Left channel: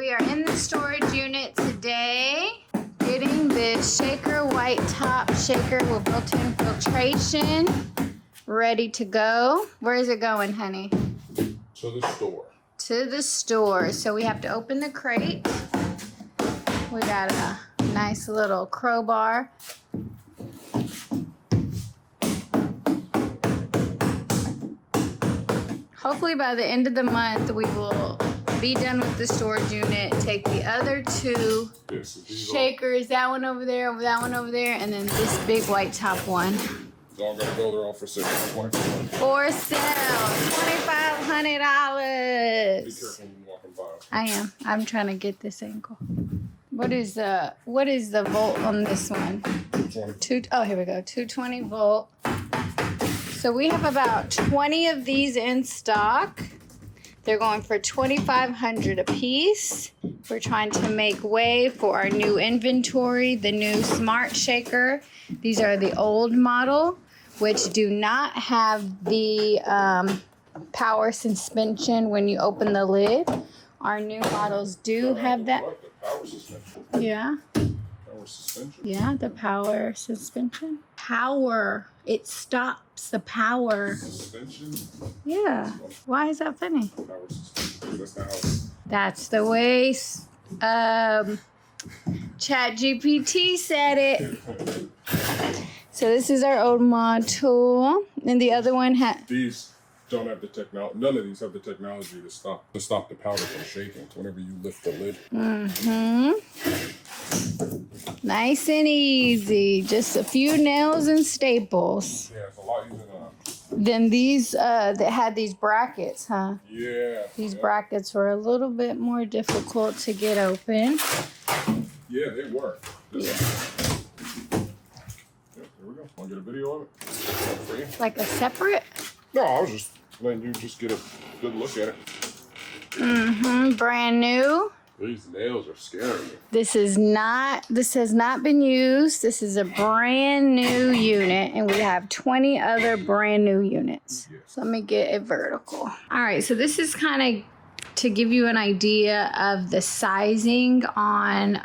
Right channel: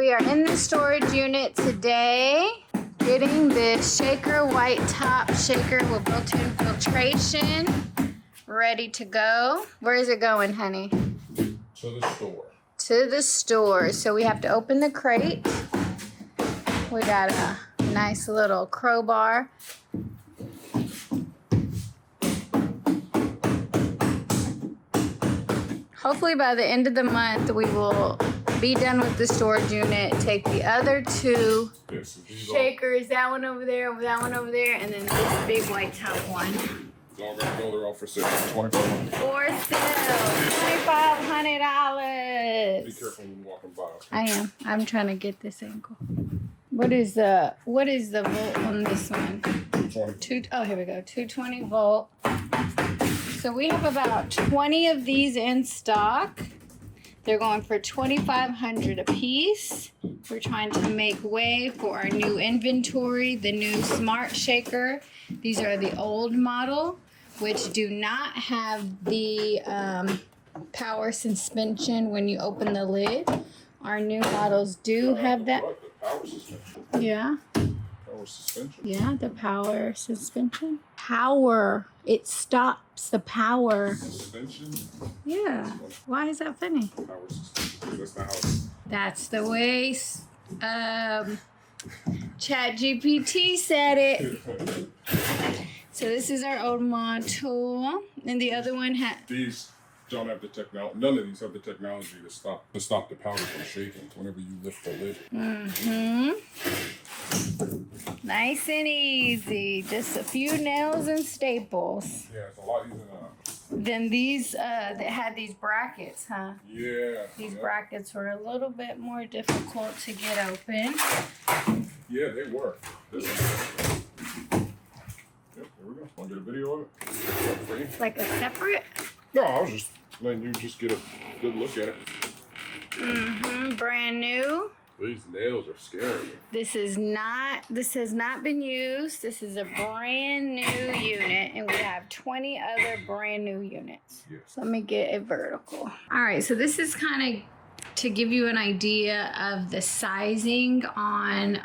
We are in the storage unit today, getting this shaker, white top shaker with built-in filtration, ready to go. Where is it going, honey? To the store. To the store. So we have to open the crate. We got a nice little crowbar. Hopefully by the end of the month, we will be done with the storage unit, take the other two shakers, that one over there, that one over there, and then this big white top one. So I'm gonna hold her off for sale. For sale, $2,500. Be careful when you're walking by. I am. I'm trying to get this angle. What is the volt on this one? 220. Oh, here we go. 220 volt. So we have about 20 of these in stock. They're going for $2,500 a piece. We're trying to make way for our new inventory, the new Smart Shaker. These are the old model, which do not have the power suspension when you open the lid. Our new models do have that. Like the power suspension. Yeah. Power suspension. Yeah, the power suspension. Power. It stops the power. Suspension. Yeah. Why is that funny? Power suspension. That's not how it's. That's the way ChatGPT said it. So this is our old mod tool. And the other one has... These don't have the technology. None of these have the technology to stop the powder from shaking whenever you lift the lid. Mm-hmm. Nice and easy. Just a few nails and staples. Yeah, it's a lot easier Then these that had these brackets, huh? Yeah. These brackets were a little bit more difficult to get open. Yeah, they work. Yep, there we go. Want to get a video of it? Ready? Like a separate? No, I was just letting you just get a good look at it. Mm-hmm. Brand new. These nails are scary. This has not been used. This is a brand new unit, and we have 20 other brand new units. Yes. So let me get it vertical. All right, so this is kind of to give you an idea of the sizing on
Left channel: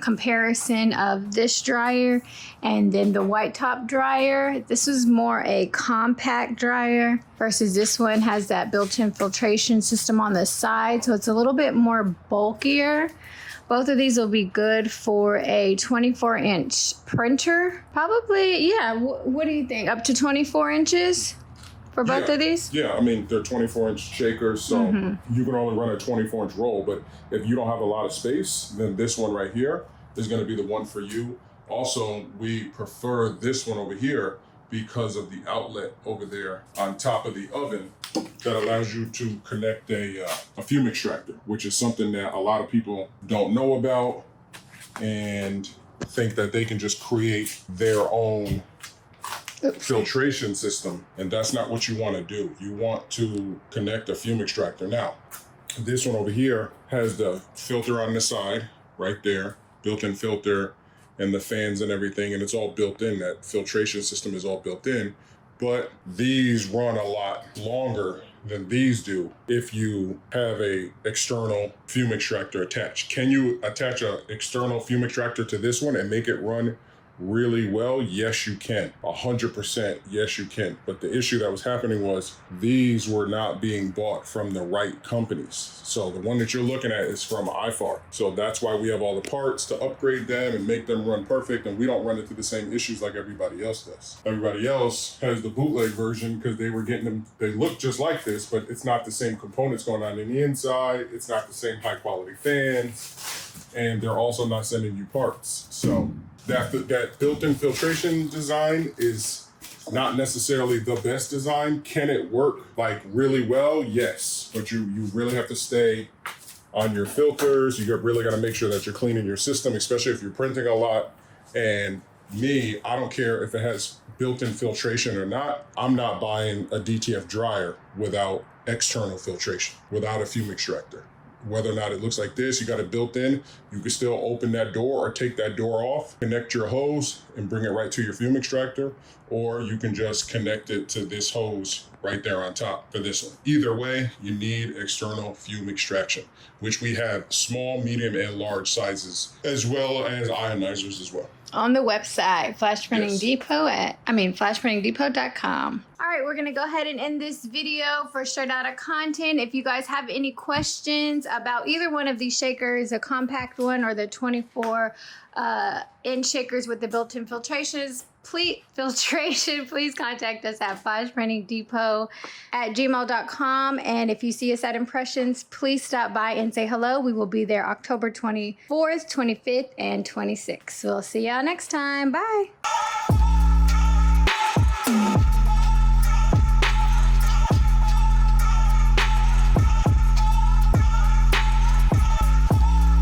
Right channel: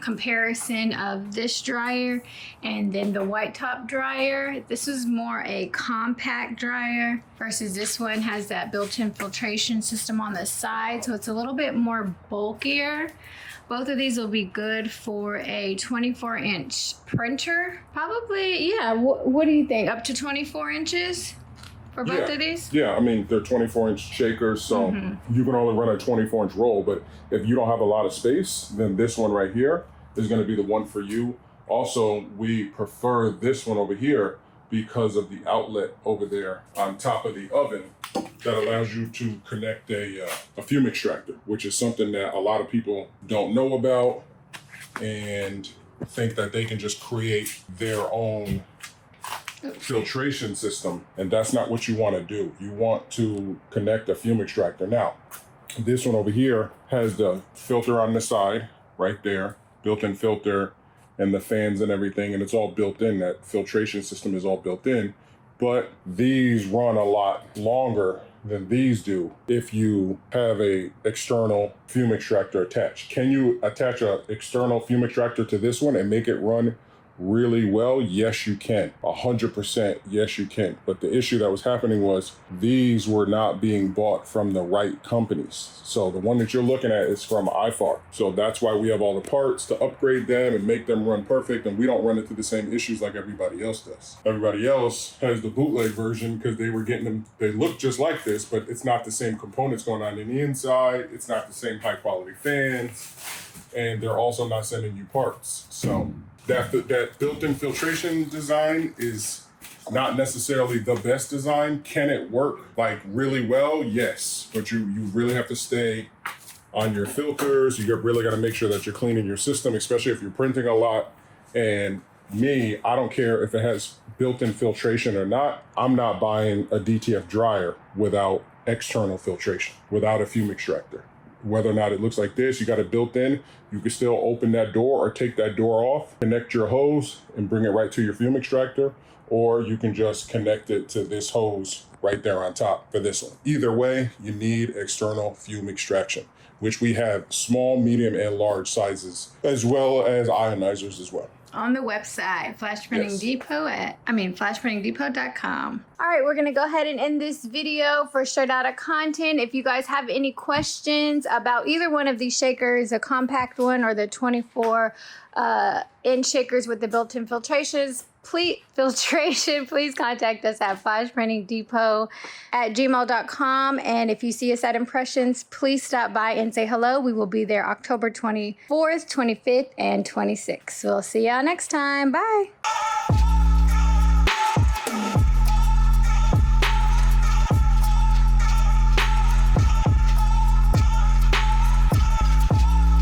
comparison of this dryer and then the white top dryer. This is more a compact dryer versus this one has that built-in filtration system on the side, so it's a little bit more bulkier. Both of these will be good for a 24-inch printer. Probably, yeah. What do you think? Up to 24 inches? For both of these? Yeah, I mean, they're 24-inch shakers, so you can only run a 24-inch roll, but if you don't have a lot of space, then this one right here is going to be the one for you. Also, we prefer this one over here because of the outlet over there on top of the oven that allows you to connect a fume extractor, which is something that a lot of people don't know about and think that they can just create their own filtration system, and that's not what you want to do. You want to connect a fume extractor. Now, this one over here has the filter on the side right there, built-in filter, and the fans and everything, and it's all built in. That filtration system is all built in, but these run a lot longer than these do if you have a external fume extractor attached. Can you attach an external fume extractor to this one and make it run really well? Yes, you can. 100%, yes, you can. But the issue that was happening was these were not being bought from the right companies. So the one that you're looking at is from Aiifar. So that's why we have all the parts to upgrade them and make them run perfect, and we don't run into the same issues like everybody else does. Everybody else has the bootleg version because they were getting them, they look just like this, but it's not the same components going on in the inside. It's not the same high quality fans, and they're also not sending you parts. So that built-in filtration design is not necessarily the best design. Can it work like really well? Yes, but you really have to stay on your filters. You really got to make sure that you're cleaning your system, especially if you're printing a lot. And me, I don't care if it has built-in filtration or not. I'm not buying a DTF dryer without external filtration, without a fume extractor. whether or not it looks like this, you got it built in. You can still open that door or take that door off, connect your hose and bring it right to your fume extractor, or you can just connect it to this hose right there on top for this one. Either way, you need external fume extraction, which we have small, medium, and large sizes, as well as ionizers as well. On the website, flashprintingdepot.com. All right, we're going to go ahead and end this video for straight out of content. If you guys have any questions about either one of these shakers, the compact one or the 24-inch shakers with the built-in filtrations, please contact us at flashprintingdepot@gmail.com. And if you see us at Impressions, please stop by and say hello. We will be there October 24th, 25th, and 26th. We'll see y'all next time. Bye.